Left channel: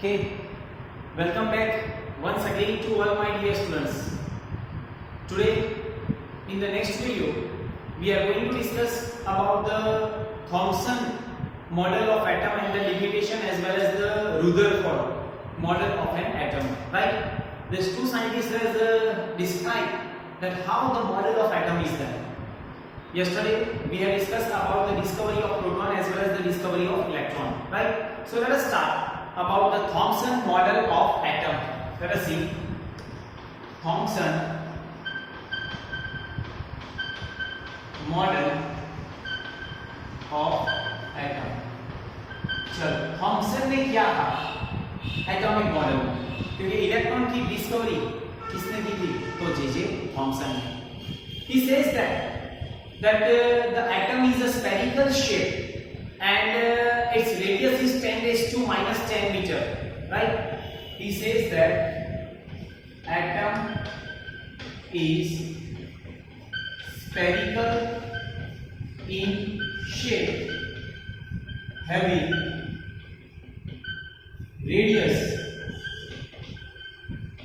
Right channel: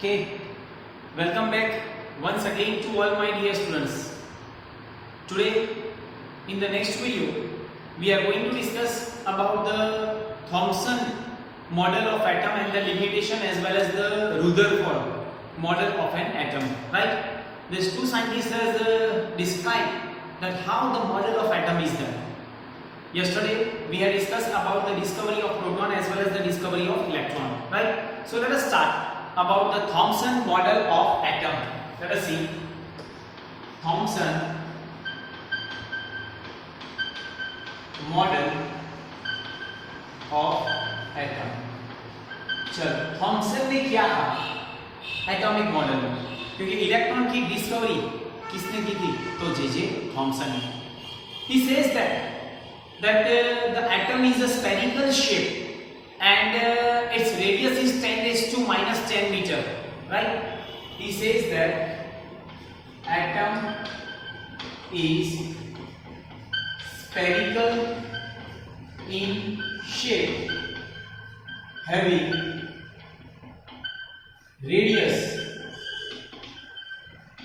Okay, welcome back once again to all my dear students. Today, in the next video, we are going to discuss about the Thomson model of atom and the limitation as well as the Rutherford model of an atom. Right? These two scientists has described that how the model of atom is done. Yesterday, we have discussed about the discovery of proton as well as the discovery of electron. Right? So let us start about the Thomson model of atom. Let us see Thomson model of atom. चलो Thompson ने क्या कहा atomic model में, क्योंकि electron की discovery किसने की थी? तो जे थॉमसन ने. He says that the atom is a spherical shape and its radius is 10 raised to minus 10 meter, right? He says that atom is spherical in shape, having radius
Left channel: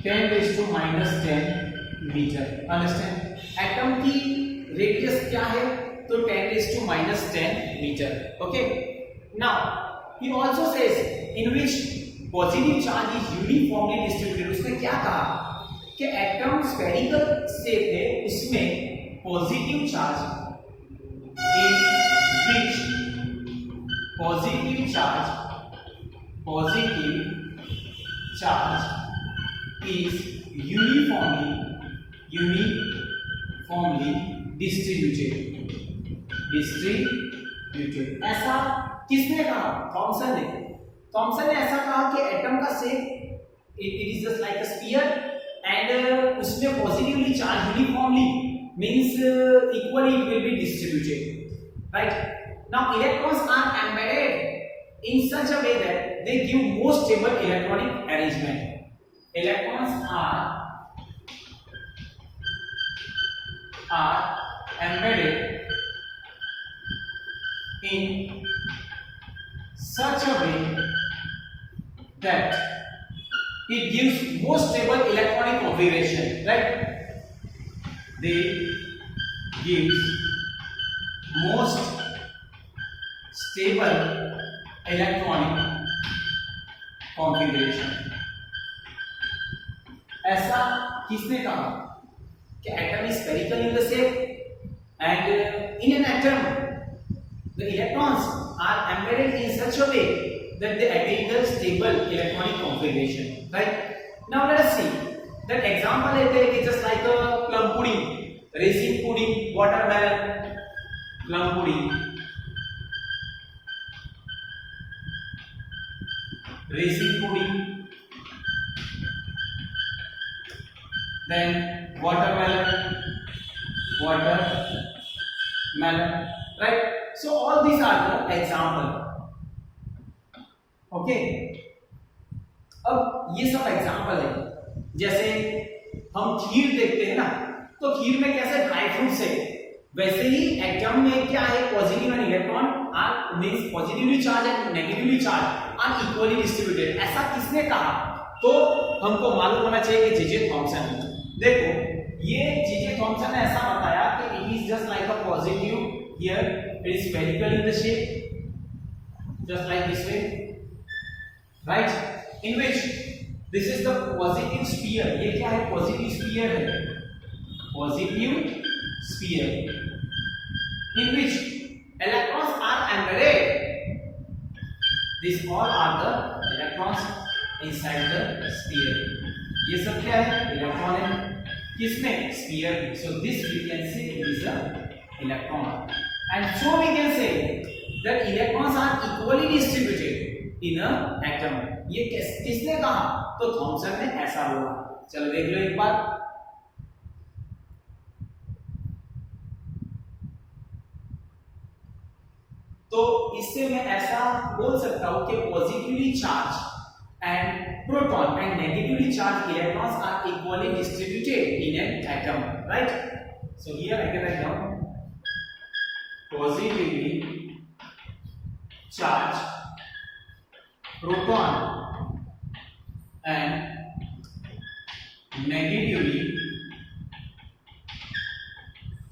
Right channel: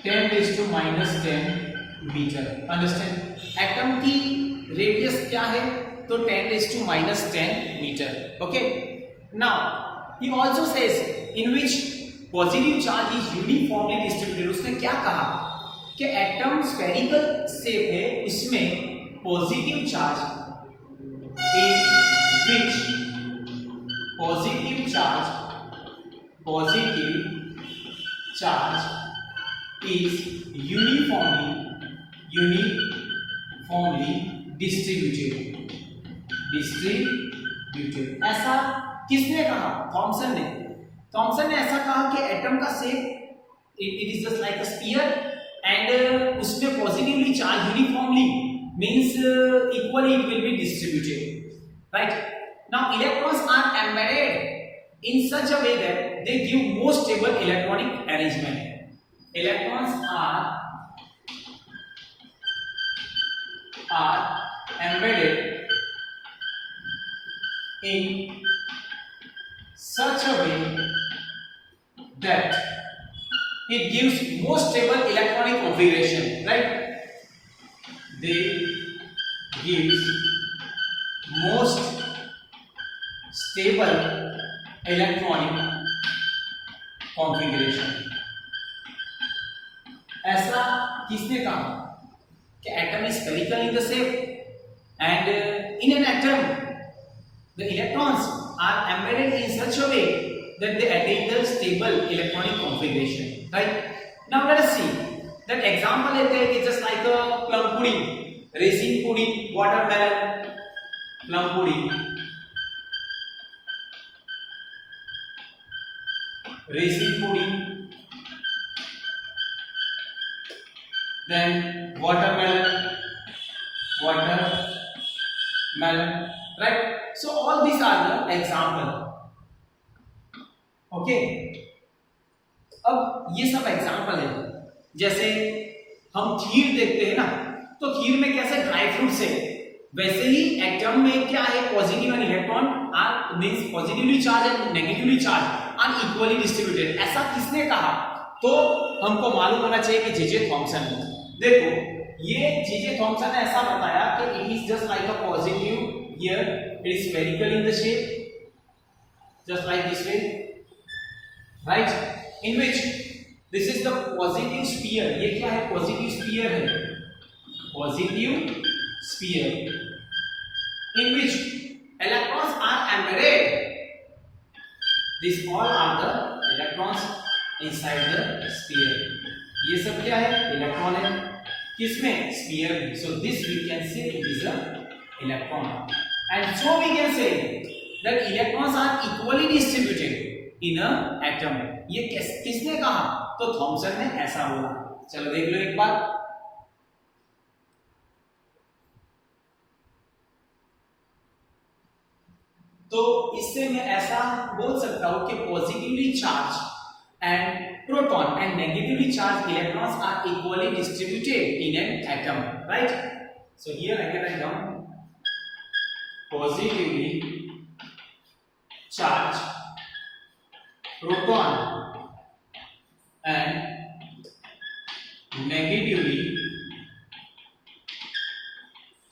10 raised to minus 10 meter. Understand? Atom की radius क्या है? तो 10 raised to minus 10 meter. Okay. Now he also says in which positive charge is uniformly distributed. उसने क्या कहा कि atom spherical shape है, उसमें positive charge in which positive charge is uniformly distributed. ऐसा किसने कहा? थॉमसन ने. थॉमसन ने ऐसा कहा कि एटम का shape it is just like a sphere and उसमें positively charge uniformly means equally it will be distributed. Right? Now electrons are embedded in such a way that they give more stable electronic arrangement. Electrons are embedded in such a way that it gives more stable electronic configuration, right? They gives most stable electronic configuration. ऐसा किसने कहा कि atom is spherical in the shape and in an atom the electrons are embedded in such a way that they attain the stable electronic configuration. Right? Now let us see that example लेते हैं कि just like a plum pudding, raisin pudding, watermelon, plum pudding, raisin pudding, then watermelon, right? So all these are the example. Okay? अब ये सब example है. जैसे हम खीर देखते हैं ना, तो खीर में कैसे ड्राई फ्रूट्स है, वैसे ही एटम में क्या है? Positive and electron are means positively charge and negatively charge are equally distributed. ऐसा किसने कहा? तो हमको मालूम होना चाहिए कि जे थॉमसन. देखो ये जे थॉमसन ने ऐसा बताया कि it is just like a positive here it is spherical in the shape just like this way, right? In which this is the positive sphere. ये क्या है? पॉजिटिव स्फीयर है, positive sphere in which electrons are embedded. These all are the electrons inside the sphere. ये सब क्या है? Electron है. किसमें? Sphere. So this we can say it is a electron. And so we can say that electrons are equally distributed in a atom. ये किसने कहा? तो थॉमसन ने ऐसा बोला. चलो देख लो एक बार. तो इससे मैं ऐसा बोल सकता हूं कि positively charge and proton and negatively charged electrons are equally distributed in an atom, right? So here I can write down positively charged proton negatively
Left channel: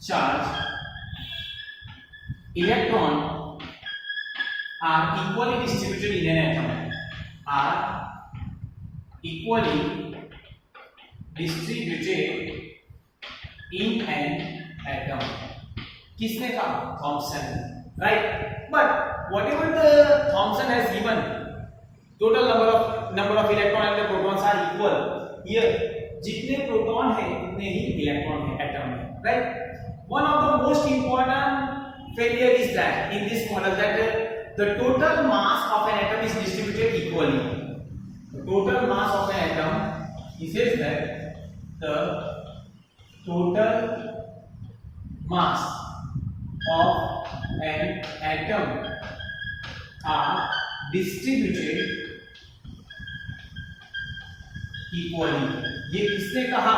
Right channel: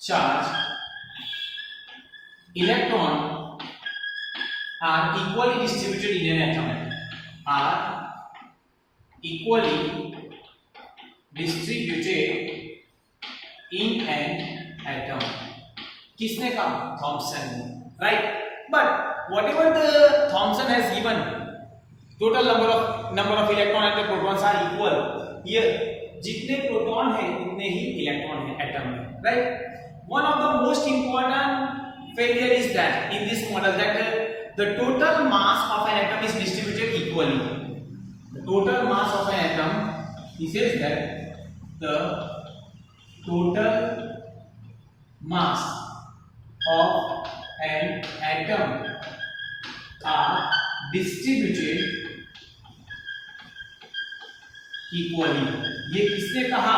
charged electron are equally distributed in an atom, are equally distributed in an atom. किसने कहा? Thomson, right? But whatever the Thomson has given, total number of electron and the protons are equal. Here जितने proton है उतने ही electron है atom में, right? One of the most important failure is that in this model that the total mass of an atom is distributed equally. The total mass of an atom, he says that the total mass of an atom are distributed equally. ये किसने कहा?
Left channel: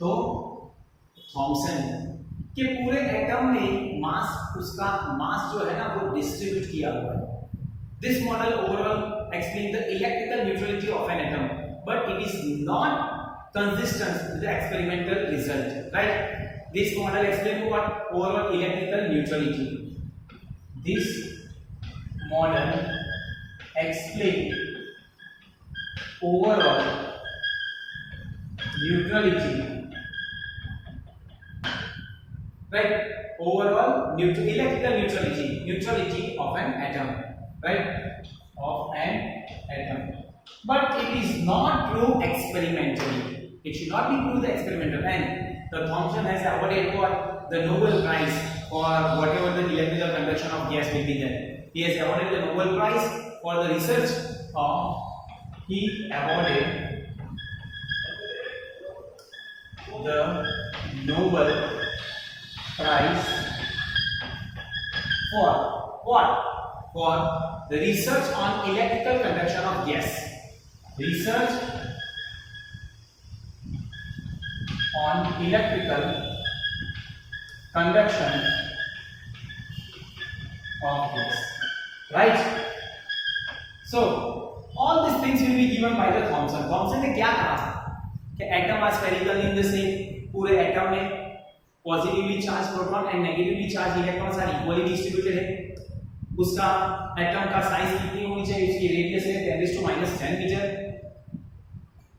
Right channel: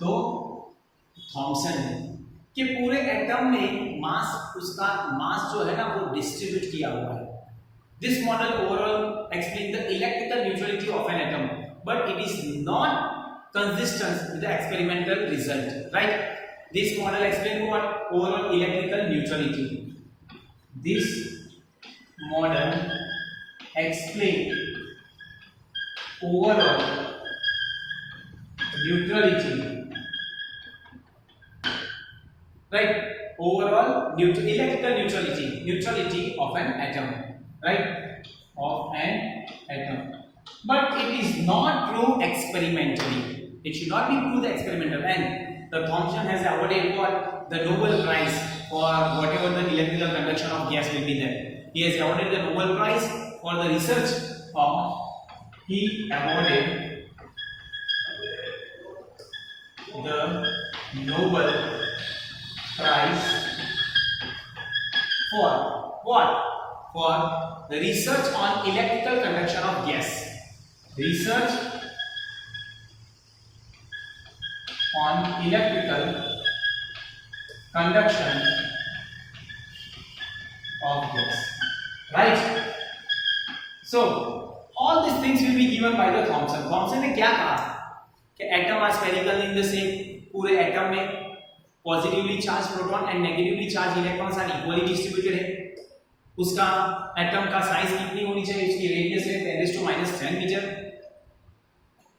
तो Thompson ने, कि पूरे atom में मास, उसका मास जो है ना वो डिस्ट्रीब्यूट किया हुआ है. This model overall explain the electrical neutrality of an atom, but it is not consistent with the experimental result, right? This model explain what? Overall electrical neutrality. This model explain overall neutrality, right? Overall electrical neutrality of an atom, right? Of an atom, but it is not proved experimentally. It should not be proved experimental, and the Thomson has awarded what? The Nobel Prize for whatever the electrical conduction of gas will be there. He has awarded the Nobel Prize for the research of, he awarded the Nobel Prize for what? For the research on electrical conduction of gas. Research on electrical conduction of gas, right? So all these things will be given by the Thomson. Thomson ने क्या कहा कि atom are spherical in the same, पूरे atom में positively charge proton and negatively charge electrons are equally distributed है. उसका atom का size कितनी होनी चाहिए? उसकी रेडियस है 10⁻⁻10 मीटर.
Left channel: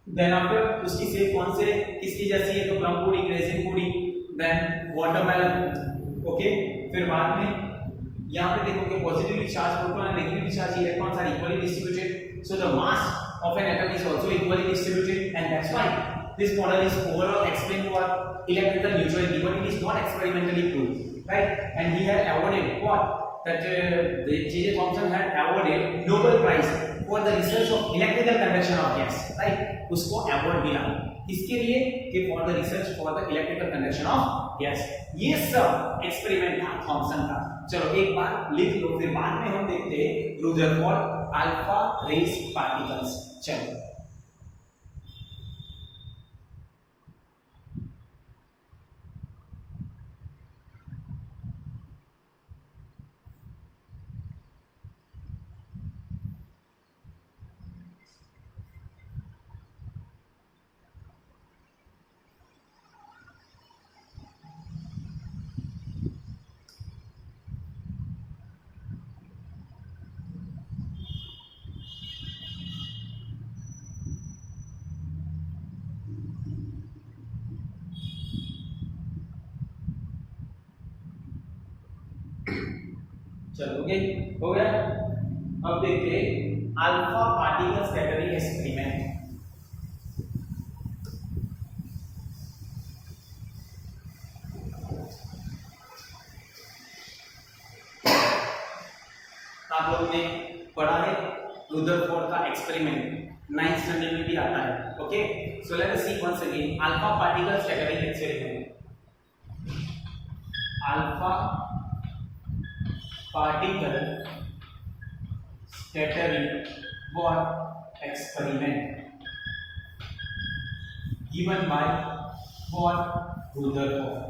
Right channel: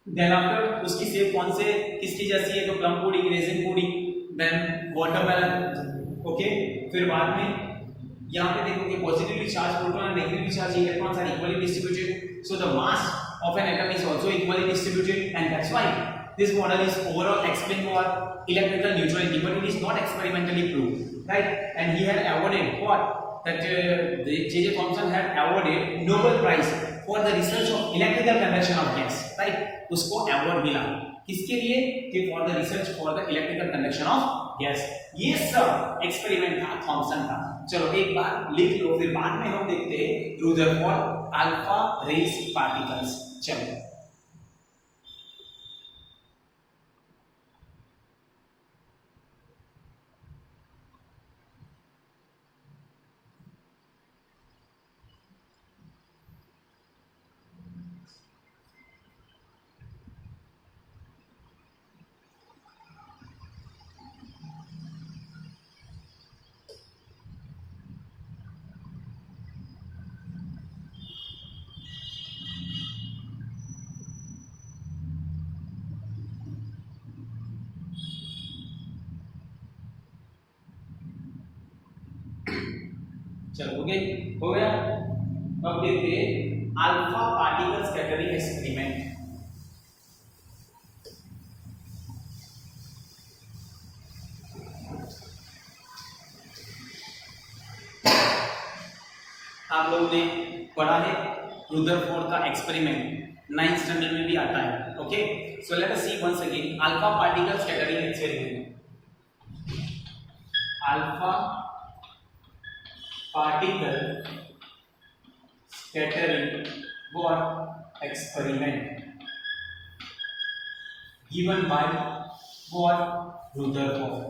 देन आफ्टर उसकी शेप कौन से किसकी जैसी है? तो plum pudding, raisin pudding, then watermelon, okay. फिर बाद में यहाँ पे देखो कि positively charge proton and negatively charge electrons are equally distributed, so the mass of an atom is also equally distributed, and that's why this model is overall explain what? Electrical neutrality, but it is not experimentally proved, right? And he had awarded what? That J.J. Thomson had awarded Nobel Prize for the research of electrical conduction of gas, right? उसको award मिला किसके लिए? कि for the research for the electrical conduction of gas. ये सब experiment था Thompson का. चलो एक बार लिख लो, फिर बाद में हम देखते हैं रुदरफोर्ड अल्फा रेस पार्टिकल्स. चलो चलो हो गया. अब देखते हैं अल्फा पार्टिकल स्कैटरिंग एक्सपेरिमेंट. आप लोगों ने पढ़ा है रुदरफोर्ड का एक्सपेरिमेंट, 9th स्टैंडर्ड में भी आता है. Okay, so let us see once again alpha particle scattering experiment. Alpha particle scattering what? Experiment given by what? Rutherford.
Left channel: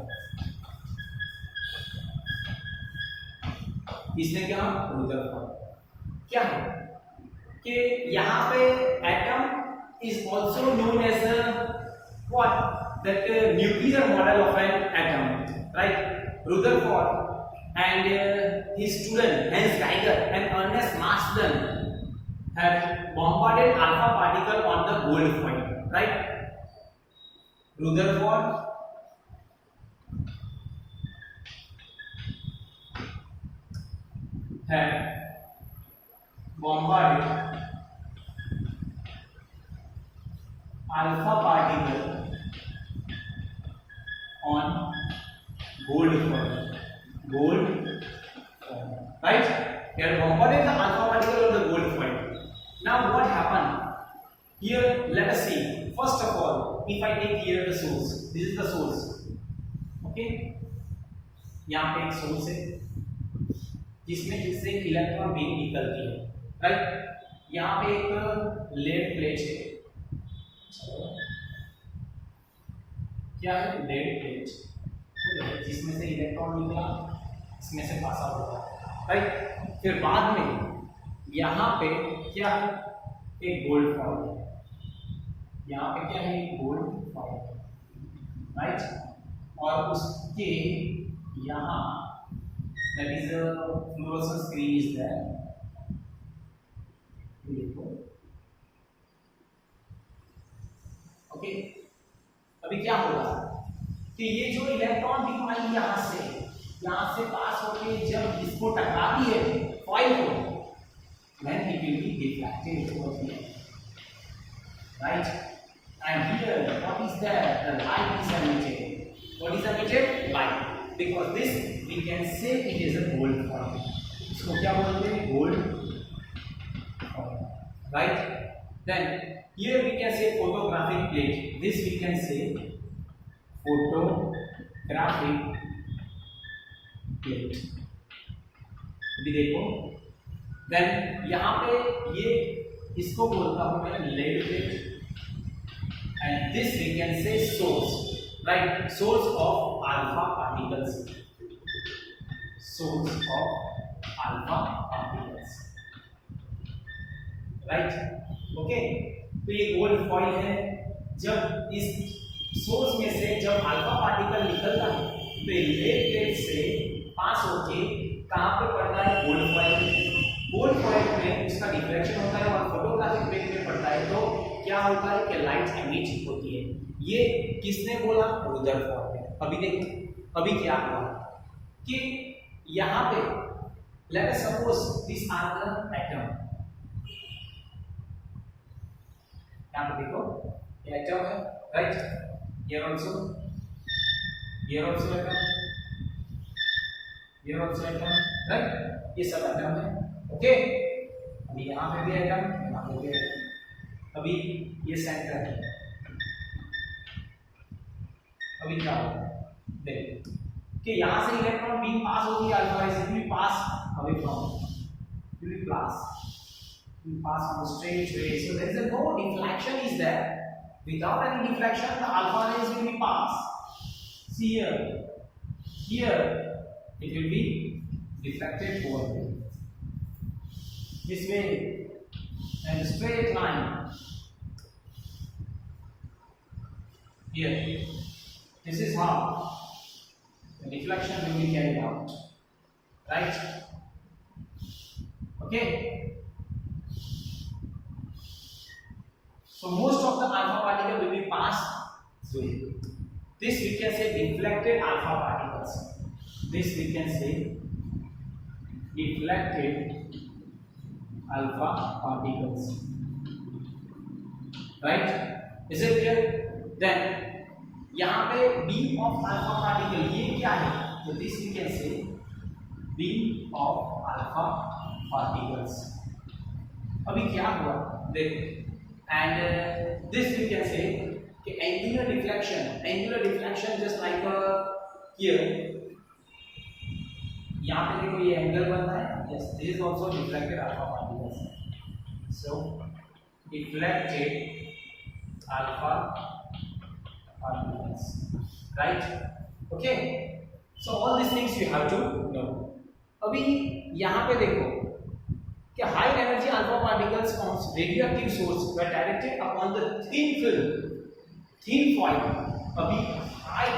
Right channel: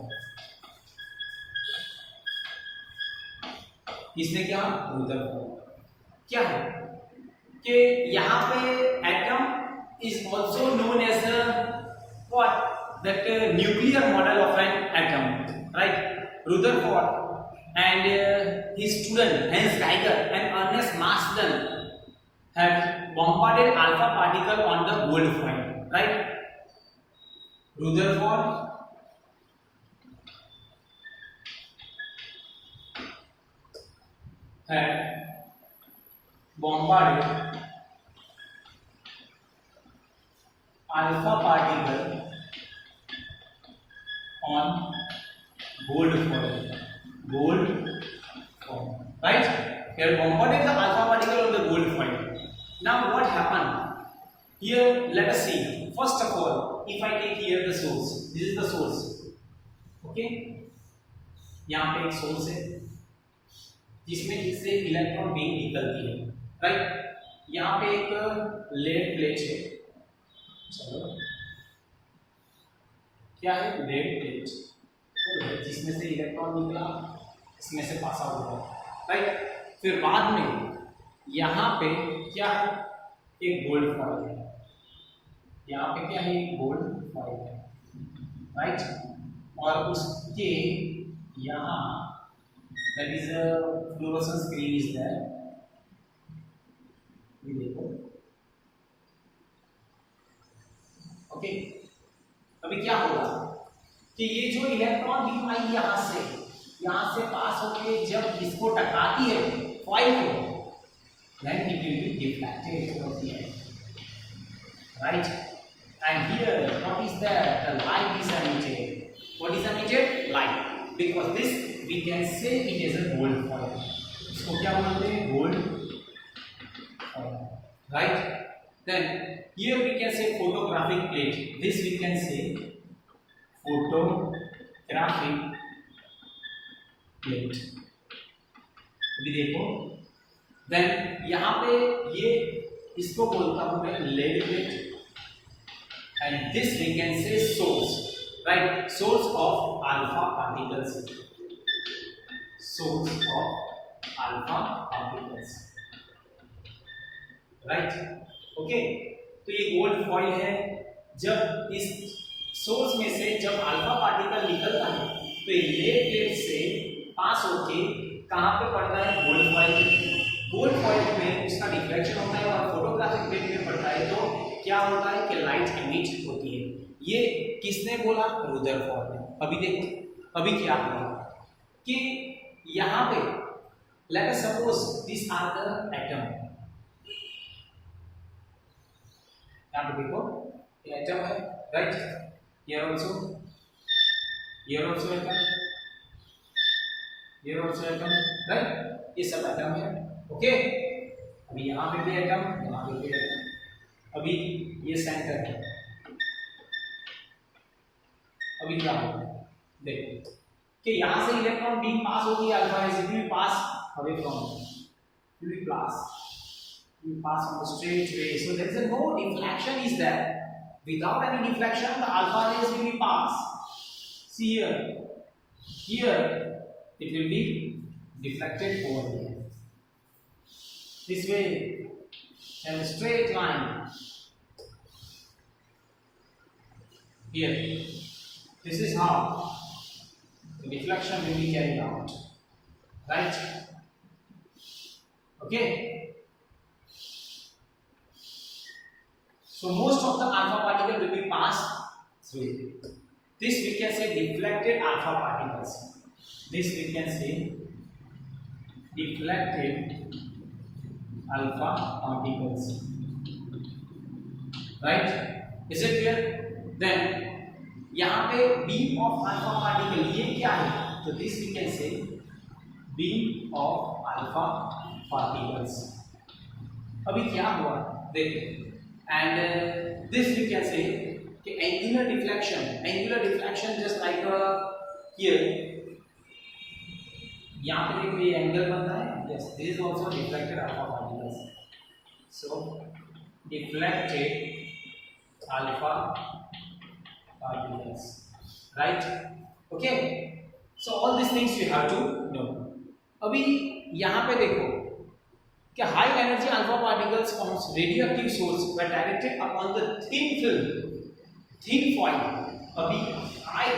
इसने क्या? रुदरफोर्ड. क्या है कि यहाँ पे atom is also known as what that nuclear model of an atom, right? Rutherford and his student Hans Geiger and Ernest Marsden had bombarded alpha particle on the gold foil, right? Rutherford had bombarded alpha particle on gold foil, right? He had bombarded the alpha particle on the gold foil. Now what happened? Here let us see. First of all, if I take here the source, this is the source, okay? यहाँ पे एक source है जिसमें जिससे electron beam निकलती है, right? यहाँ पे एक लेड प्लेट है, चलो क्या है, लेड प्लेट जिसमें से इलेक्ट्रॉन निकला, इसमें से पास आउट हुआ, राइट? फिर बाद में यहाँ पे क्या है, एक गोल्ड फॉइल है, यहाँ पे क्या है, एक गोल्ड फॉइल है, राइट? और उसके यहाँ that is a fluorescent screen is there, ये देखो, ओके? अभी क्या होगा कि ये जो इलेक्ट्रॉन बीम आई यहाँ से पास होके जब इसको टकराती है फॉइल को, then it will be deflected towards the end, right? And here what is that? The light is emitted. What is emitted? Light. Because this we can say it is a gold foil. इसको क्या बोलते हैं? Gold foil, right? Then here we can say photographic plate. This we can say photographic plate. अभी देखो, then यहाँ पे ये इसको बोलता हूँ मैं lead plate, and this we can say source, right? Source of alpha particles. Source of alpha particles, right? Okay? तो ये गोल्ड फॉइल है, जब इस सोर्स में से जब अल्फा पार्टिकल निकलता है तो ये लेड प्लेट से पास होके कहाँ पे पड़ता है? गोल्ड फॉइल में। गोल्ड फॉइल में उसका डिफ्लेक्शन होता है और फोटोग्राफिक प्लेट में पड़ता है तो क्या होता है कि लाइट एमिट होती है। ये किसने बोला? रुदरफोर्ड ने। अभी देखो, अभी क्या हुआ कि यहाँ पे let us suppose this are the atom, यहाँ पे देखो ये एटम है, right? Here also atom, here also atom, right? ये सब एटम है, ओके? अभी यहाँ पे भी एटम, यहाँ पे भी एटम, अभी ये सेंटर है। अभी क्या होगा देखो कि यहाँ से इलेक्ट्रॉन बीम पास होगी alpha, it will pass away from, it will pass on the straight way, so there is a no deflection is there. Without any deflection the alpha rays will be passed. See here it will be deflected over here this way and a straight line here. This is how the deflection will be carried out, right? Okay, so most of the alpha particle will be passed through this. We can say deflected alpha particles. This we can say deflected alpha particles, right? Is it clear? Then यहाँ पे beam of alpha particle ये क्या है? तो this we can say beam of alpha particles. अभी क्या हुआ देखो, and this we can say कि angular deflection just like here, यहाँ पे देखो ये एंगल बनता है, yes, this is also deflected alpha particles. So deflected alpha particles, right? Okay, so all these things you have to know. अभी यहाँ पे देखो कि high energy alpha particles from radioactive source were directed upon the thin film thin foil, अभी high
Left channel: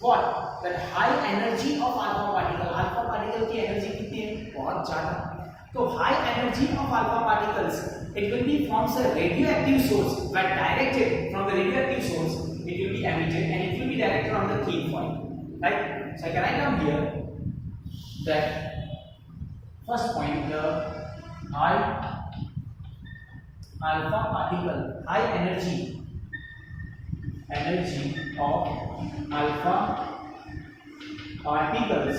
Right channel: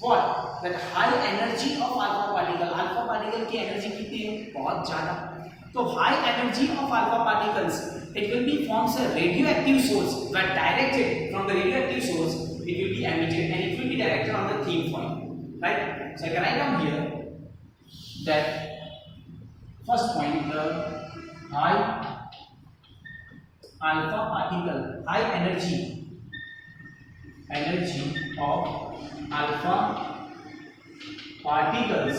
what that high energy of alpha particle की energy कितनी है, बहुत ज्यादा. तो high energy of alpha particles, it will be forms a radioactive source, but directed from the radioactive source it will be emitted and it will be directed on the thin foil, right? So I can write down here that first point, the high alpha particle, high energy of alpha particles,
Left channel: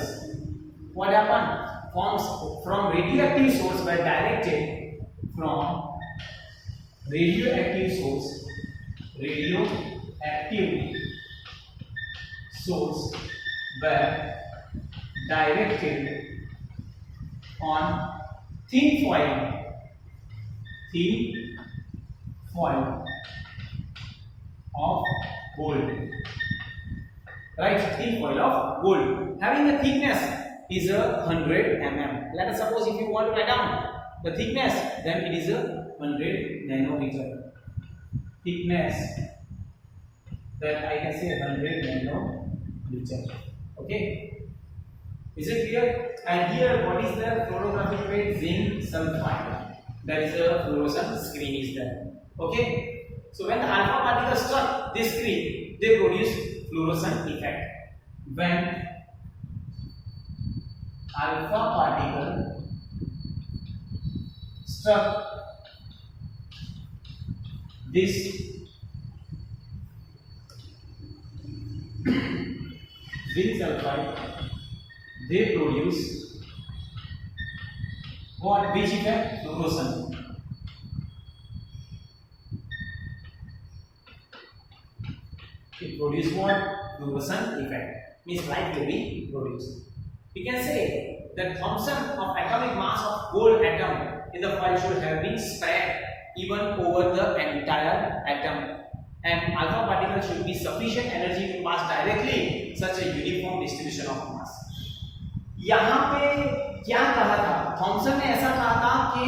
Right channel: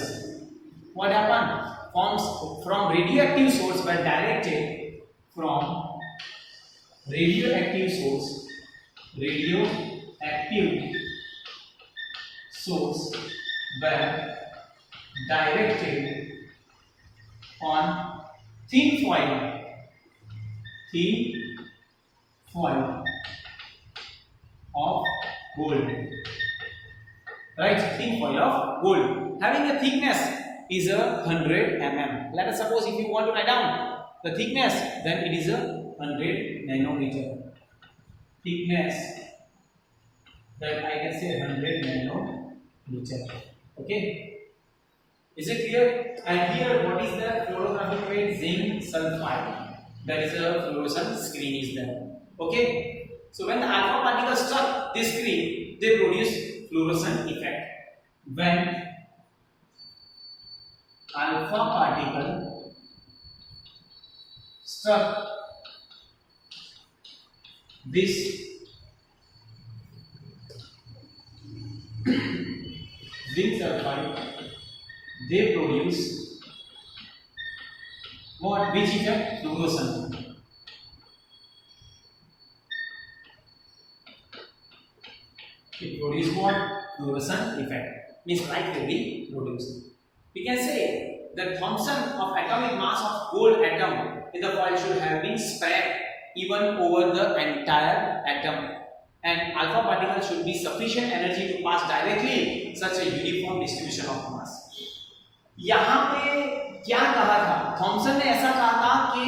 what happened, forms from radioactive source by directed from radioactive source were directed on thin foil of gold, right? Thin foil of gold having a thickness is a 100 mm. Let us suppose if you want to write down the thickness, then it is a 100 nanometer thickness, that I can say 100 nanometer. Okay, is it clear? And here what is the fluorographic weight? Zinc sulfide, that is a fluorescent screen is there. Okay, so when the alpha particle struck this screen, they produce fluorescent effect. When alpha particle struck this zinc sulfide, they produce what? Which effect? Fluorescent. It produces what? Fluorescent effect. Means light will be produced. We can say the Thomson of atomic mass of gold atom in the foil should have been spread even over the entire atom, and alpha particle should be sufficient energy to pass directly such a uniform distribution of mass. यहाँ पे क्या कहा था? Thompson ने ऐसा कहा था कि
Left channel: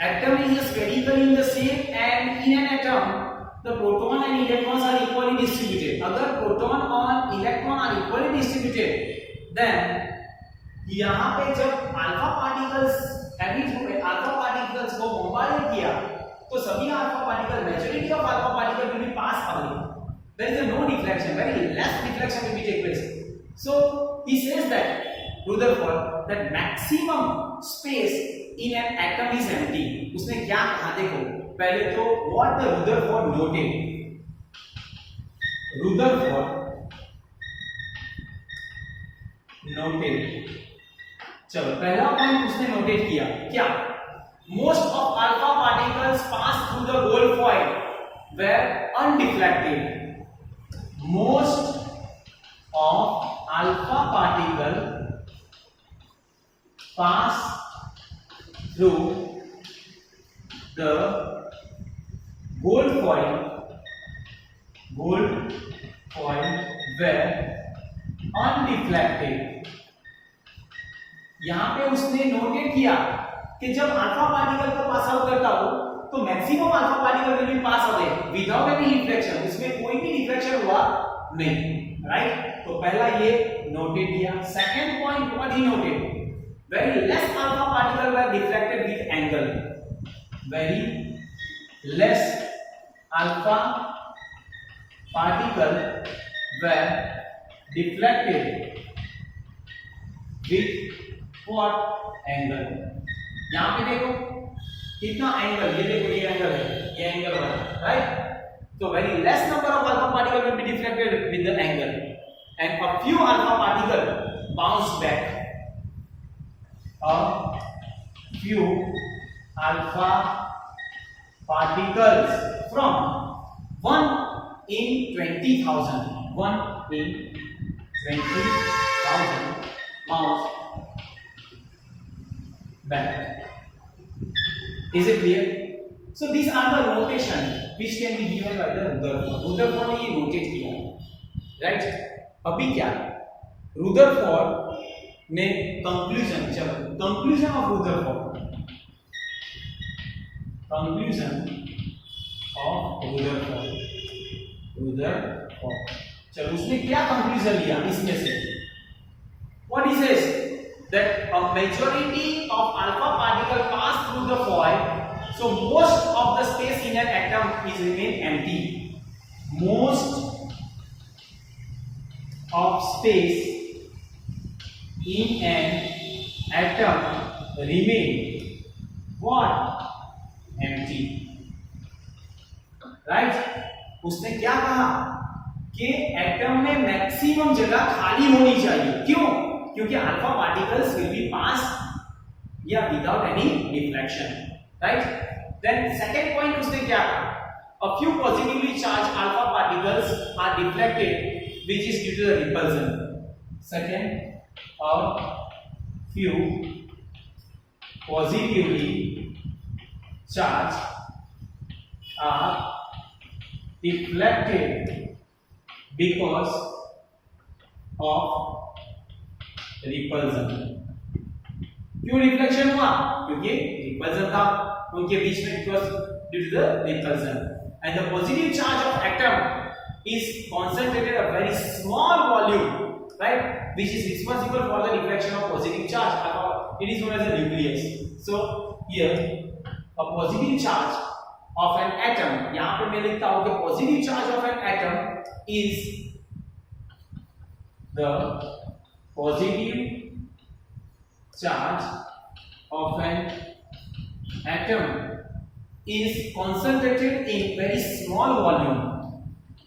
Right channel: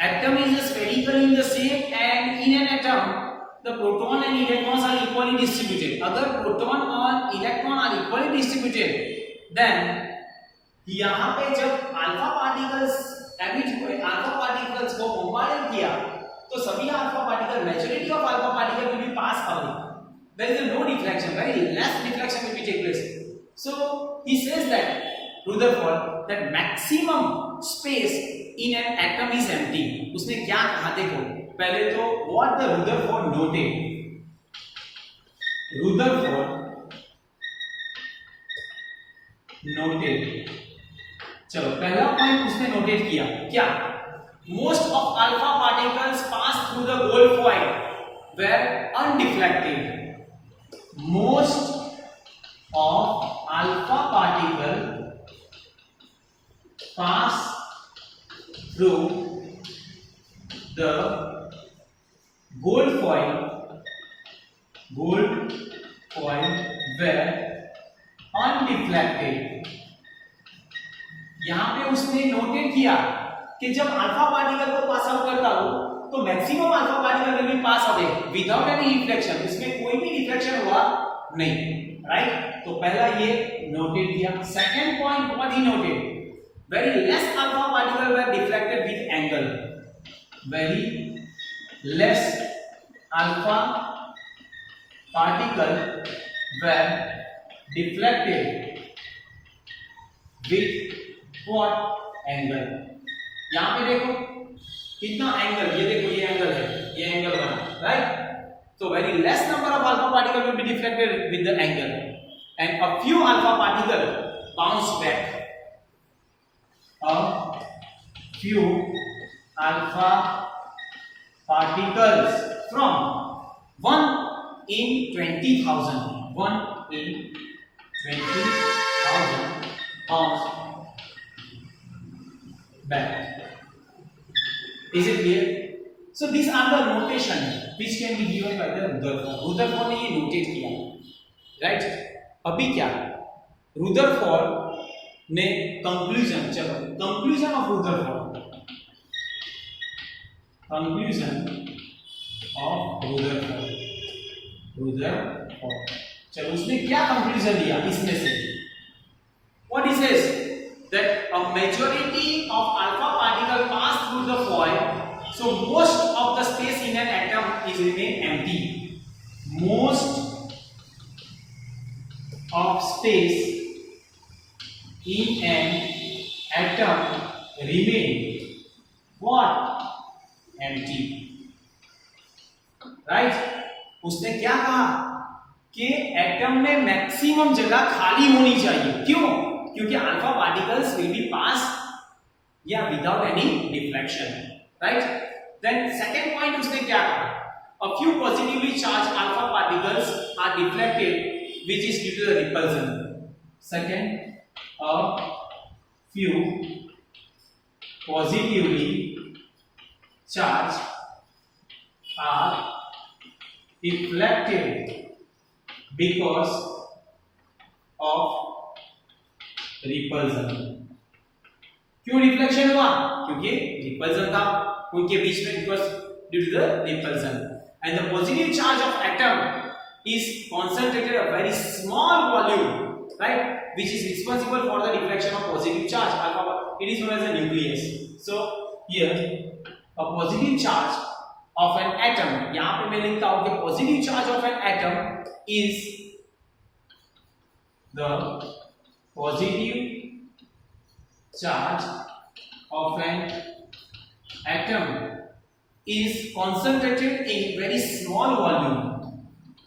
atom is spherical in the shape and in an atom the proton and electrons are equally distributed. अगर proton और electron are equally distributed, then यहाँ पे जब alpha particles को bombarded किया, तो सभी alpha particle, majority of alpha particle will be passed away. There is no deflection, very less deflection will be take place. So he says that Rutherford, that maximum space in an atom is empty. उसने क्या कहा देखो, पहले तो what the Rutherford noted. चलो पहला point उसने notate किया क्या? Most of alpha particles pass through the gold foil were undeflected. Most of alpha particle pass through the gold foil were undeflected. यहां पे उसने नोटेट किया कि जब अल्फा पार्टिकल को पास आउट करता हो तो maximum alpha particle will be pass away without any reflection, इसमें कोई भी रिफ्लेक्शन हुआ नहीं, राइट? तो पहला ये नोटेट किया. Second point what he noted, very less alpha particle were deflected with angle. Very less alpha particle were deflected with what angle? यहां पे देखो कितना एंगल, ये देखो ये एंगल है, ये angle 1, right? So very less number of alpha particle will be deflected with the angle, and a few alpha particle bounce back. A few alpha particles from 1 in 20,000 bounce back. Is it clear? So these are the notation which can be given by the Rutherford. Rutherford ने ये notate किया, right? अभी क्या? Rutherford ने conclusion, चलो conclusion of Rutherford, conclusion of Rutherford. Rutherford. चलो उसने क्या कंक्लूजन लिया इसमें से? What he says that a majority of alpha particle pass through the foil, so most of the space in an atom is remain empty. Most of space in an atom remain what? Empty. Right? उसने क्या कहा कि atom में maximum जगह खाली होनी चाहिए। क्यों? क्योंकि alpha particles will be pass या without any deflection, right? Then second point उसने क्या कहा? A few positively charged alpha particles are deflected, which is due to the repulsion. Second, a few positively charged are deflected because of repulsion. क्यों reflection हुआ? क्योंकि repulsion था उनके बीच में, because due to the repulsion. And the positive charge of atom is concentrated at a very small volume, right, which is responsible for the deflection of positive charge. It is known as the nucleus. So here a positive charge of an atom, यहाँ पे मैं लिखता हूँ कि positive charge of an atom is the positive charge of an atom is concentrated in very small volume,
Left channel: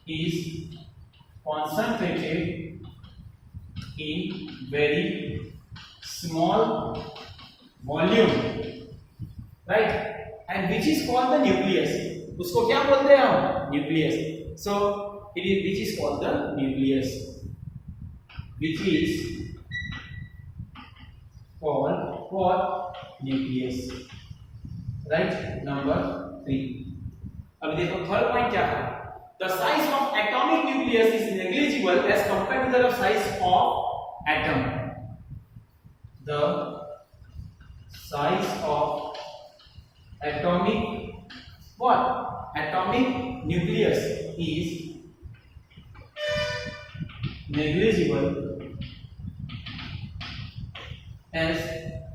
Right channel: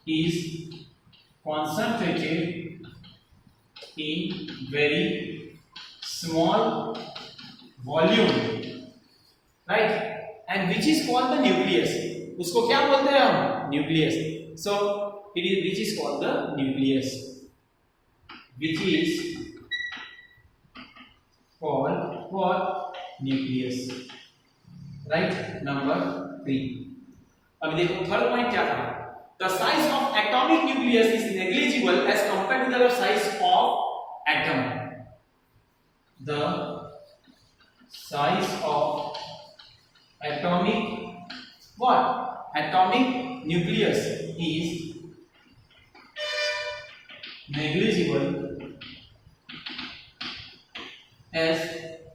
is concentrated in very small volume, right, and which is called the nucleus. उसको क्या बोलते हैं हम? Nucleus. So it is which is called the nucleus, which is called what? Nucleus, right? Number 3. अब देखो third point क्या था? The size of atomic nucleus is negligible as compared to the size of atom. The size of atomic what? Atomic nucleus is negligible as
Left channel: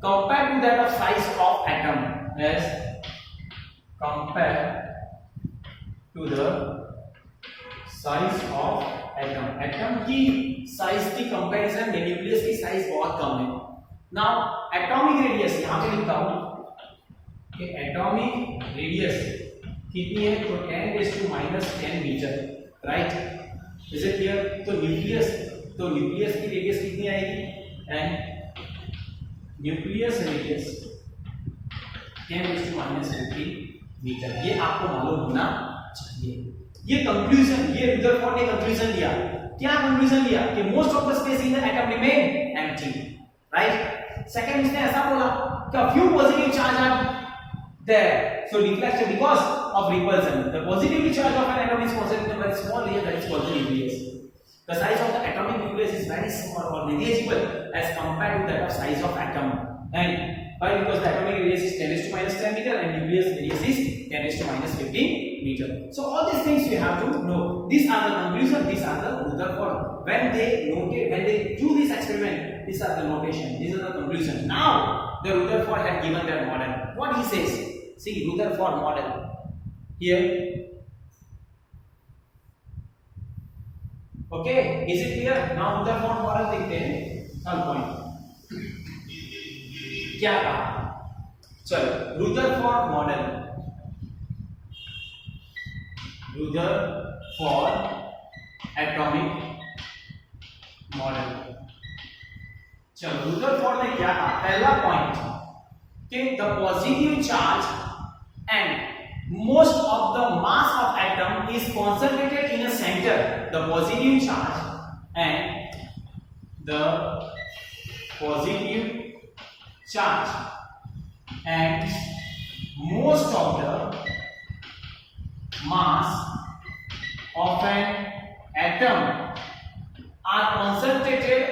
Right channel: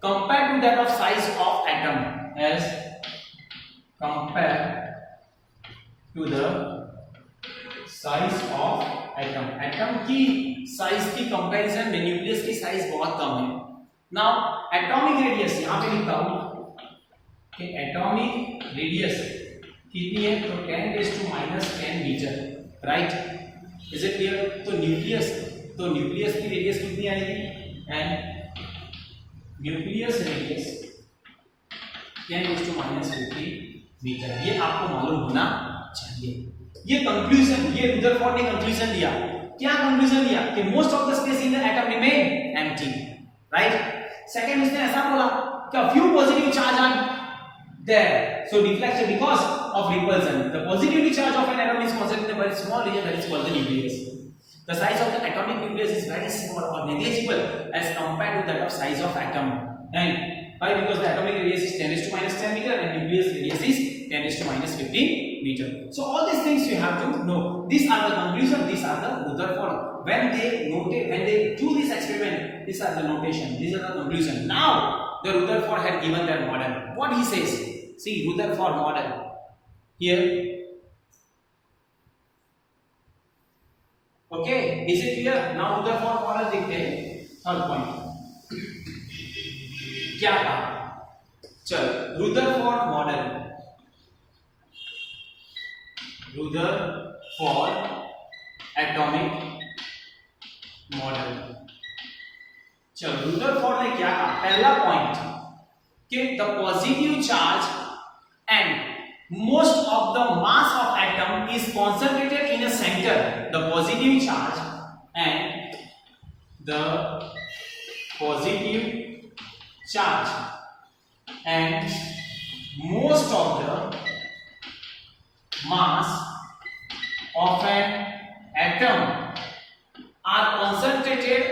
compared to that of size of atom, as compared to the size of atom. Atom की size की comparison में nucleus की size बहुत कम है. Now atomic radius यहां पे लिखता हूं कि एटॉमिक रेडियस कितनी है? तो 10⁻⁻10 metre, right? Is it clear? तो न्यूक्लियस की रेडियस कितनी आएगी? And nucleus radius 10⁻50 metre. ये आपको मालूम होना चाहिए. ये कंक्लूजन, ये रुदरफोर्ड ने कंक्लूजन दिया. क्या कंक्लूजन दिया? कि most of the space in the atom remain empty, right? Second इसने ऐसा बोला कि a few positive charge are there, so deflection because of repulsion. The positively charge of an atom is concentrated in a very small region that is called the nucleus. The size of the atomic nucleus is very small or negligible as compared to that of size of atom. And why? Because the atomic radius is 10⁻10 meter and nucleus radius is 10⁻15 meter. So all these things you have to know. These are the conclusion. These are the Rutherford. When they do this experiment, these are the notation. These are the conclusion. Now the Rutherford had given their model. What he says? See Rutherford model here. Okay, is it clear? Now Rutherford model देखते हैं. Third point क्या कहा? चल Rutherford model. Rutherford atomic model. चलो Rutherford ने क्या कहा? पहला पॉइंट कि the positive charge and most of the mass of atom is concentrated in a center. The positive charge and the positive charge and most of the mass of an atom are concentrated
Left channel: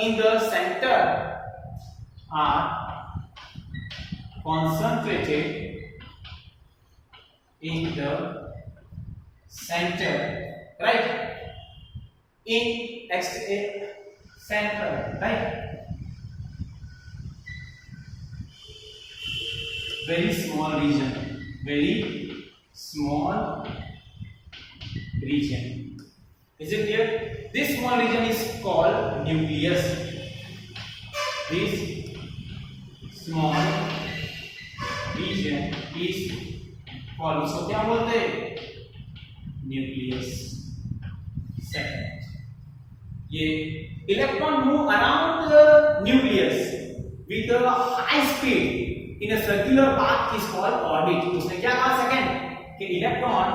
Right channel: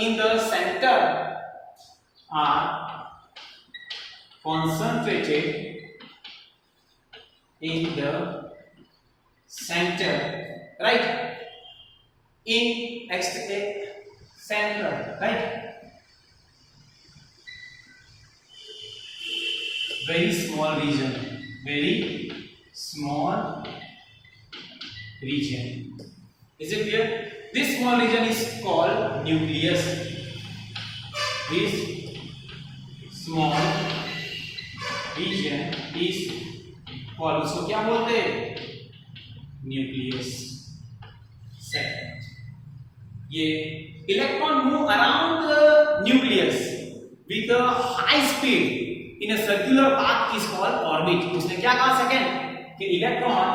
in the center, are concentrated in the center right, in center, right, very small region, very small region. Is it clear? This small region is called nucleus. This small region is called, उसको क्या बोलते हैं? Nucleus. Second, ये electron move around the nucleus with a high speed in a circular path is called orbit. उसने क्या कहा second? कि electron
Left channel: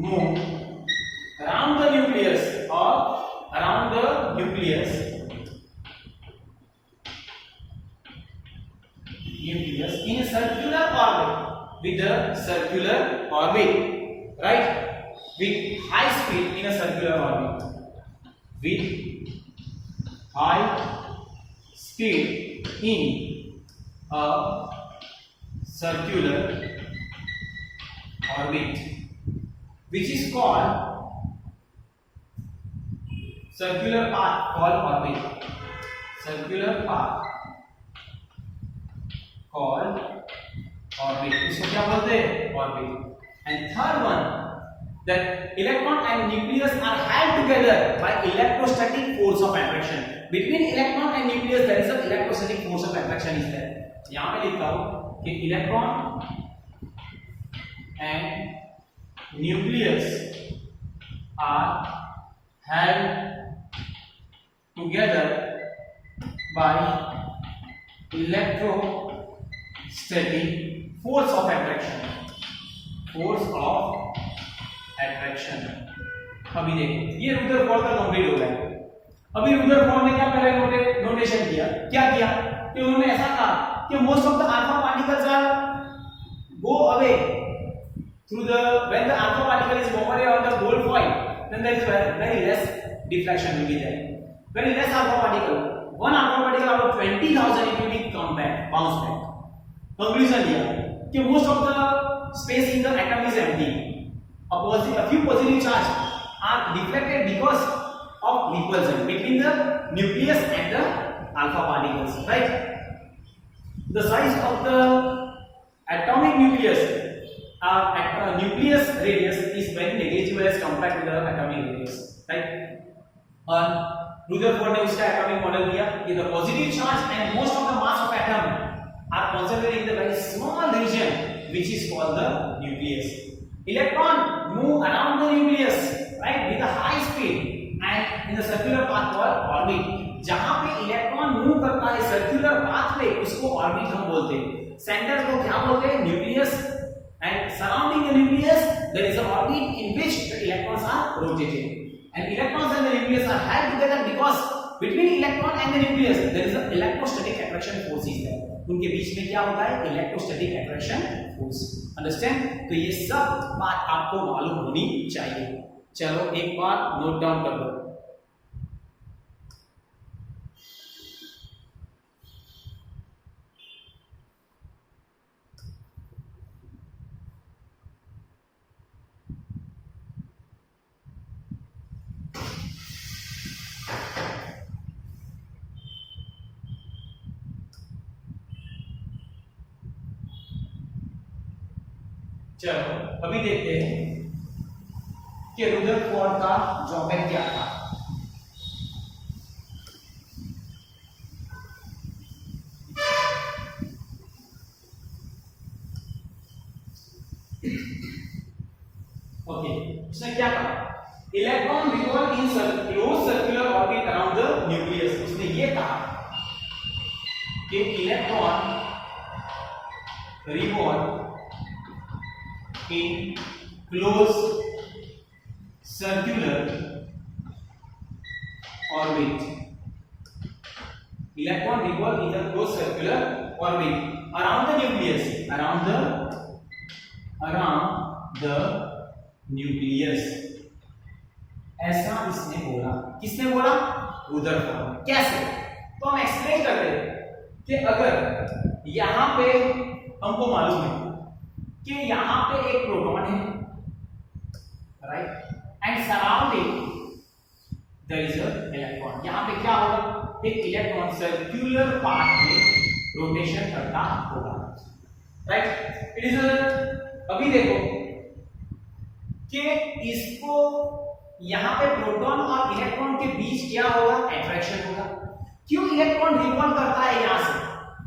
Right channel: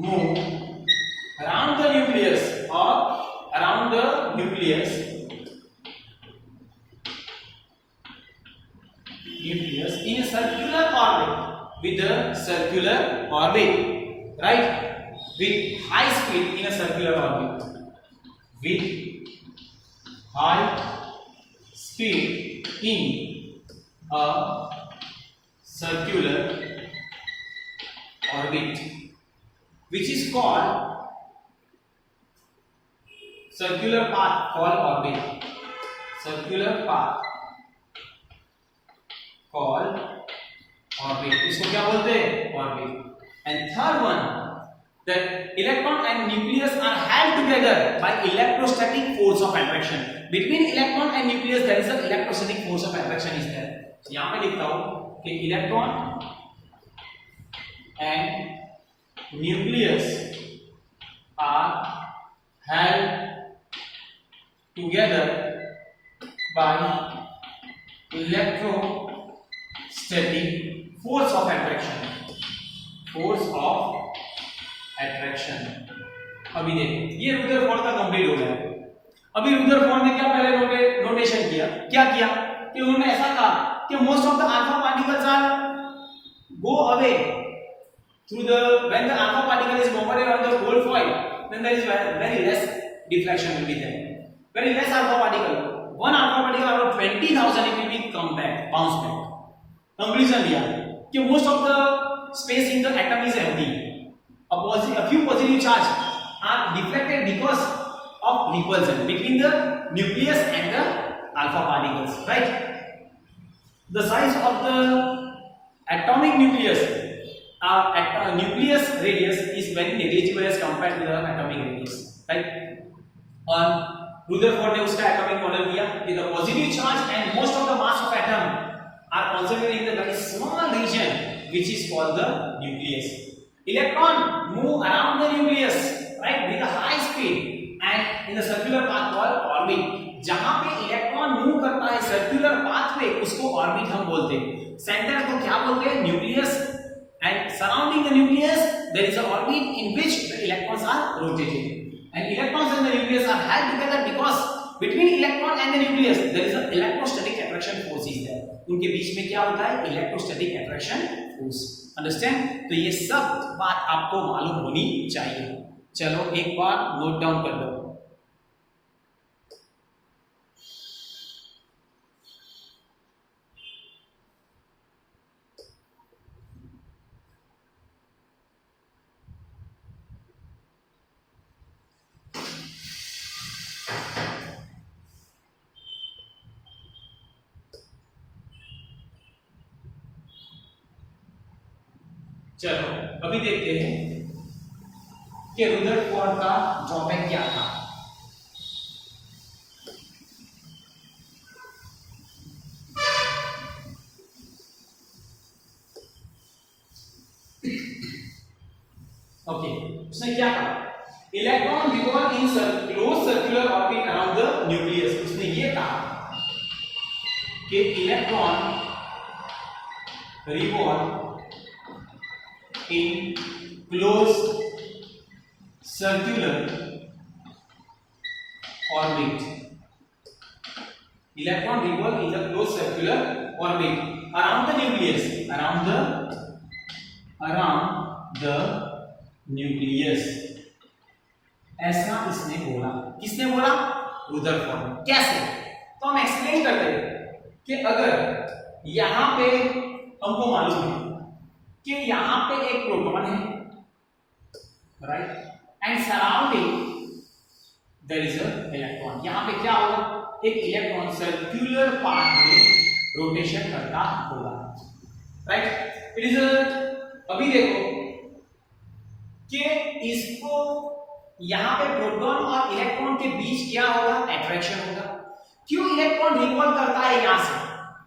move around the nucleus और around the nucleus in a circular orbit, with a circular orbit, right, with high speed in a circular orbit, with high speed in a circular orbit, which is called circular path, called orbit, circular path called orbit. इसको क्या बोलते हैं? Orbit. And third one, that electron and nucleus are held together by electrostatic force of attraction. Between electron and nucleus there is an electrostatic force of attraction is there. यहाँ पे लिखता हूँ कि electron and nucleus are held together by electrostatic force of attraction. Force of attraction. अभी देखो ये Rutherford का complete हो गया. अभी रुदरफोर्ड ने क्या पहले नोटेशन किया? क्या किया कि उन्होंने ऐसा कहा कि most of the alpha particles are go away through the when the alpha particle is bombarded on the gold foil, then there is very less deflection will be there. Very less alpha particle. One alpha particle out of 20,000 it will be come back, bounce back. Conclusion दिया कि most of the space in the atom is empty. A few positive charge are deflected because of repulsion between the nucleus and the alpha particles, right? The size of the atomic nucleus nucleus radius is very negligible as compared to the atomic radius, right? और Rutherford ने उसका atomic model दिया कि the positive charge and most of the mass of atom are concentrated in the very small region which is called the nucleus. Electron move around the nucleus, right, with a high speed and in the circular path called orbit. जहां पे electron move करता है circular path पे उसको orbit हम बोलते हैं. Centre को क्या बोलते हैं? Nucleus. And surrounding the nucleus there is an orbit in which the electrons are rotating, and electrons and the nucleus are held together because between electron and the nucleus there is an electrostatic attraction force is there. उनके बीच में क्या होता है? Electrostatic attraction force. Understand? तो ये सब बात आपको मालूम होनी चाहिए. चलो एक बार नोट डाउन कर दो. चलो अभी देखते हैं कि रुदरफोर्ड का ड्रॉबैक क्या था. ओके, उसने क्या कहा? Electron revolve in close circular orbit around the nucleus. उसने ये कहा कि electron revolve in closed circular orbit. Electron revolve in the closed circular orbit around the nucleus. Around the nucleus. ऐसा इसने बोला. किसने बोला? रुदरफोर्ड. कैसे? तो हम एक्सप्लेन करते हैं कि अगर यहां पे हमको मालूम है कि यहां पे एक प्रोटॉन है right, and surrounding there is a electron. यहाँ पे क्या होगा, एक इलेक्ट्रॉन सर्कुलर पाथ में रोटेशन करता होगा, राइट। इट इज अभी देखो कि इसको यहाँ पे प्रोटॉन और इलेक्ट्रॉन के बीच क्या होगा, अट्रैक्शन होगा। क्यों इलेक्ट्रॉन रिवॉल्व करता है यहाँ से,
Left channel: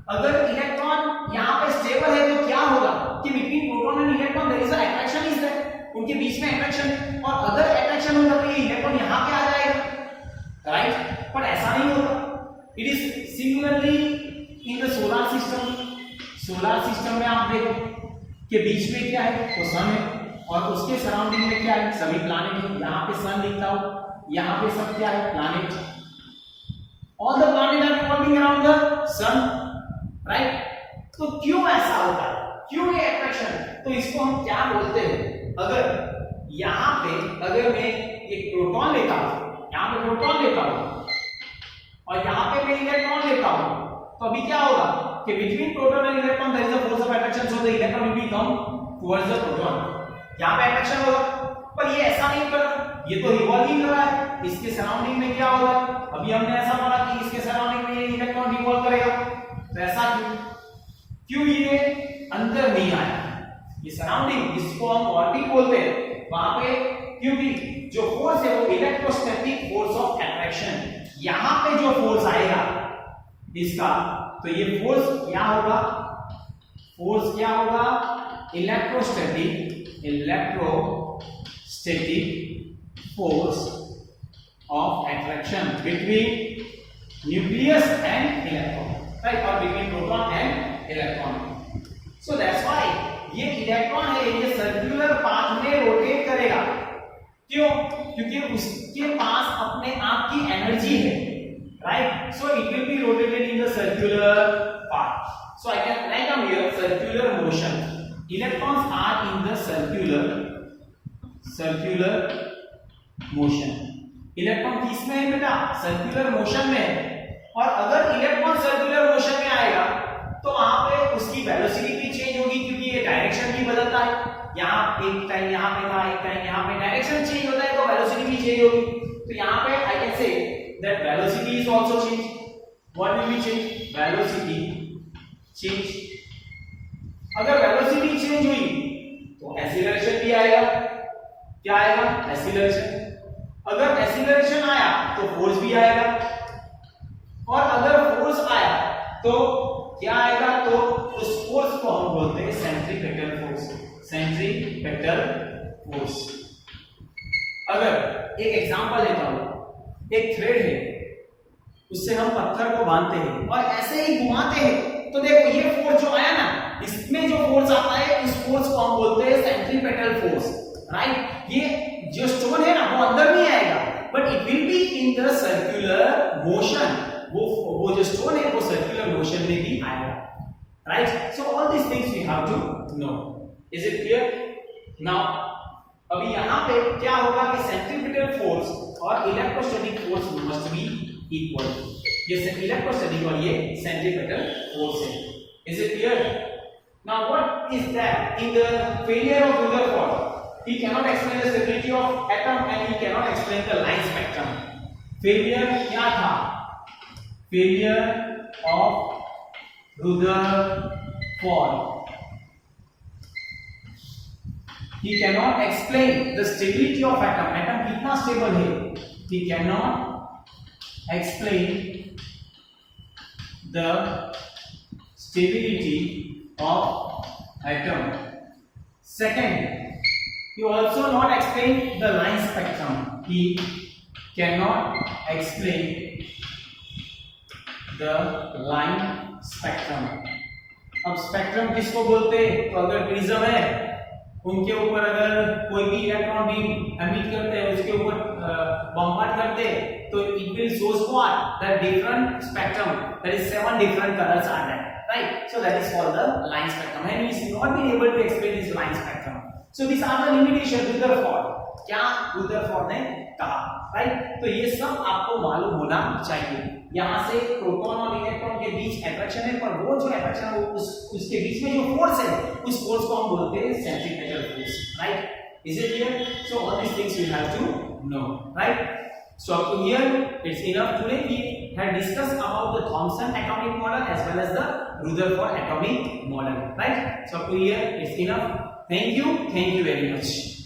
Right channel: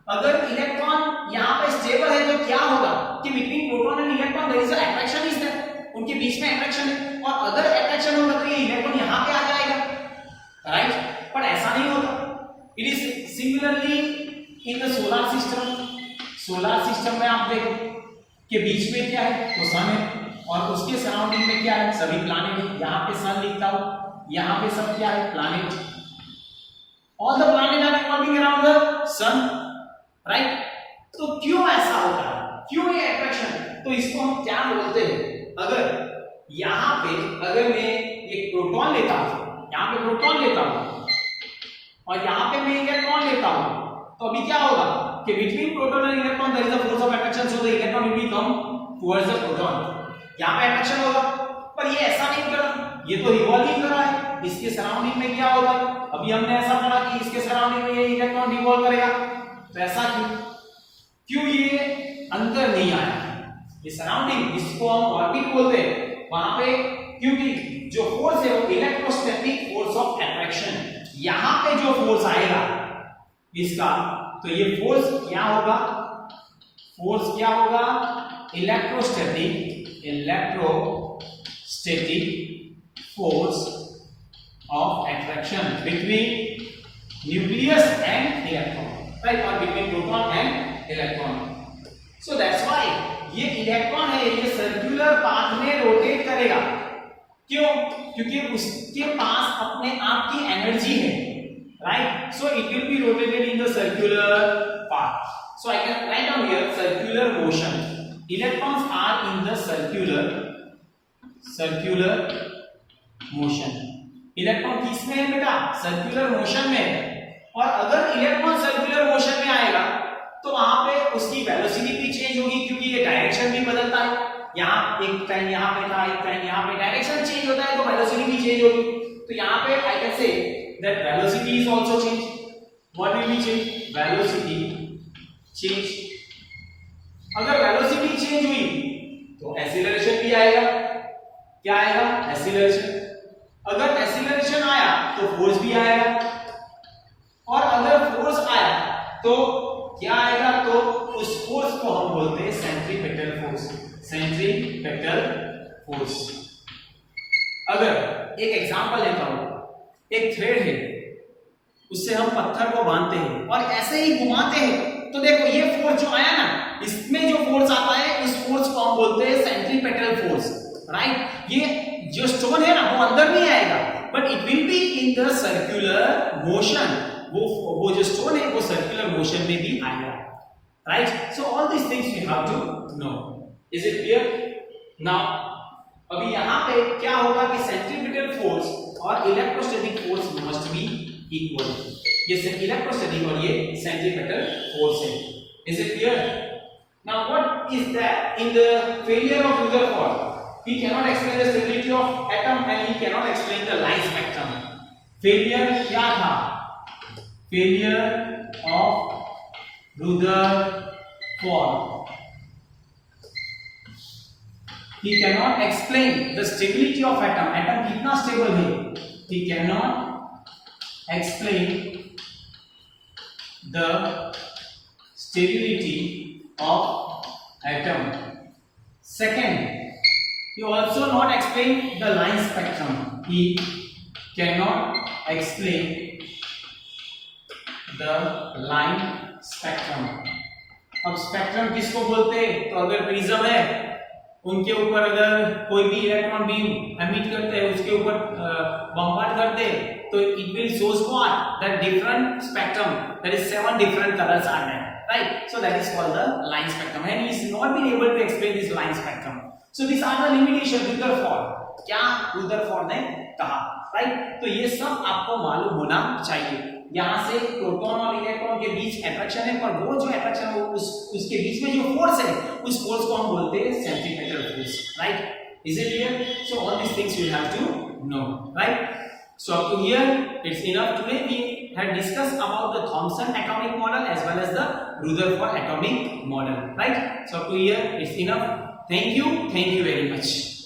अगर इलेक्ट्रॉन यहाँ पे स्टेबल है तो क्या होगा कि between proton and electron there is a attraction is there, उनके बीच में अट्रैक्शन है, और अगर अट्रैक्शन होगा तो ये इलेक्ट्रॉन यहाँ पे आ जाएगा, राइट। पर ऐसा नहीं होता। It is similarly in the solar system. Solar system में आप देखो कि बीच में क्या है, तो सन है, और उसके सराउंडिंग में क्या है, सभी प्लैनेट है। यहाँ पे सन लिखता हूं, यहाँ पे सब क्या है, planet. All the planet are revolving around the sun, right. तो क्यों ऐसा होता है, क्यों ये अट्रैक्शन, तो इसको हम क्या बोलते हैं, अगर यहाँ पे अगर मैं एक प्रोटॉन लेता हूं, यहाँ पे प्रोटॉन लेता हूं और यहाँ पे मैं इलेक्ट्रॉन लेता हूं, तो अभी क्या होगा कि between proton and electron there is a force of attraction, so the electron will come towards the proton. यहाँ पे अट्रैक्शन होगा, पर ये ऐसा नहीं कर रहा, ये तो रिवॉल्विंग कर रहा है। इसके सराउंडिंग में क्या होगा, अभी हमने ऐसा पढ़ा कि इसके सराउंडिंग में ये इलेक्ट्रॉन रिवॉल्व करेगा, तो ऐसा क्यों ये अंदर नहीं आया, ये सराउंडिंग जिसको हम ऑर्बिट बोलते हैं वहां पे, क्योंकि जो फोर्स है वो इलेक्ट्रोस्टैटिक फोर्स ऑफ अट्रैक्शन, यहां पे जो फोर्स आएगा इसका, तो ये फोर्स क्या होगा, फोर्स क्या होगा, electrostatic force of attraction between nucleus and electron, right, और between proton and electron. So that's why ये इलेक्ट्रॉन है, ये सर्कुलर पाथ में रोटेट करेगा। क्यों, क्योंकि उसके पास अपने आप की एनर्जी है, right. So it will B rotated in the circular path. So I can write down here circular motion, electrons are in the circular motion। Electron किस में है बेटा, सर्कुलर मोशन में है, और अगर इलेक्ट्रॉन सर्कुलर मोशन में आएगा तो वहां पे उसकी वेलोसिटी भी चेंज होगी, क्योंकि ये डायरेक्शन भी बदलता है, यहाँ एक टाइम यहाँ पे था, एक टाइम यहाँ पे, डायरेक्शन चेंज होता है तो वेलोसिटी भी चेंज होगी। तो यहाँ पे I can say that velocity is also change. What will be change, velocity change. अगर वेलोसिटी चेंज हुई तो एक्सीलरेशन भी आएगा, क्या आएगा, एक्सीलरेशन। अगर एक्सीलरेशन आया तो फोर्स भी आएगा, और अगर फोर्स आया तो क्या आएगा, तो उस फोर्स को हम बोलते हैं सेंट्रीपेटल फोर्स, सेंट्रीपेटल फोर्स। अगर एक एग्जांपल लेता हूं, एक थ्रेड है, उससे हम पत्थर को बांधते हैं और ऐसे ही घुमाते हैं, तो देखो ये फोर्स जो आया ना, इसमें जो फोर्स आता है उस फोर्स को हम बोलते हैं सेंट्रीपेटल फोर्स, राइट। ये जो स्टोन है ना वो अंदर नहीं आएगा, but it will be in the circular motion, वो जो स्टोन है वो सर्कुलर मोशन में भी आएगा, right. So all this things you have to know. Is it clear now. अभी यहां पे क्या होगा कि सेंट्रीपेटल फोर्स और electrostatic force must be equal. ये इलेक्ट्रोस्टैटिक और ये सेंट्रीपेटल फोर्स है। Is it clear now? What is that in the failure of Rutherford? He cannot explain the stability of atom and he cannot explain the line spectrum. Failure क्या था, failure of Rutherford, he cannot explain the stability of atom, atom कितना stable है, he cannot explain the stability of atom. Second, he also not explain the line spectrum, he cannot explain the line spectrum. अब spectrum किसको बोलते हैं, तो अगर prism है उनके ऊपर अगर कोई भी इलेक्ट्रॉन बीम एमिट करते हैं, उसके ऊपर बम्बार्ड करते हैं, तो it will shows what, that different spectrum, that is 7 different colours are there, right? So that is called the line spectrum, and he is not been able to explain this line spectrum. So these are the limitations Rutherford, क्या Rutherford ने कहा, right? तो ये सब आपको मालूम होना चाहिए। यहाँ से प्रोटॉन और इलेक्ट्रॉन के बीच अट्रैक्शन है, पर वो जो अट्रैक्शन है उसके बीच में जो फोर्स है, उस फोर्स को हम बोलते हैं centripetal force, right. Is it clear? So all these things you have to know, right? So up to here it's enough. Today we have discussed about the Thomson atomic model as well as the Rutherford atomic model, right? So up to here it's enough. Thank you very much.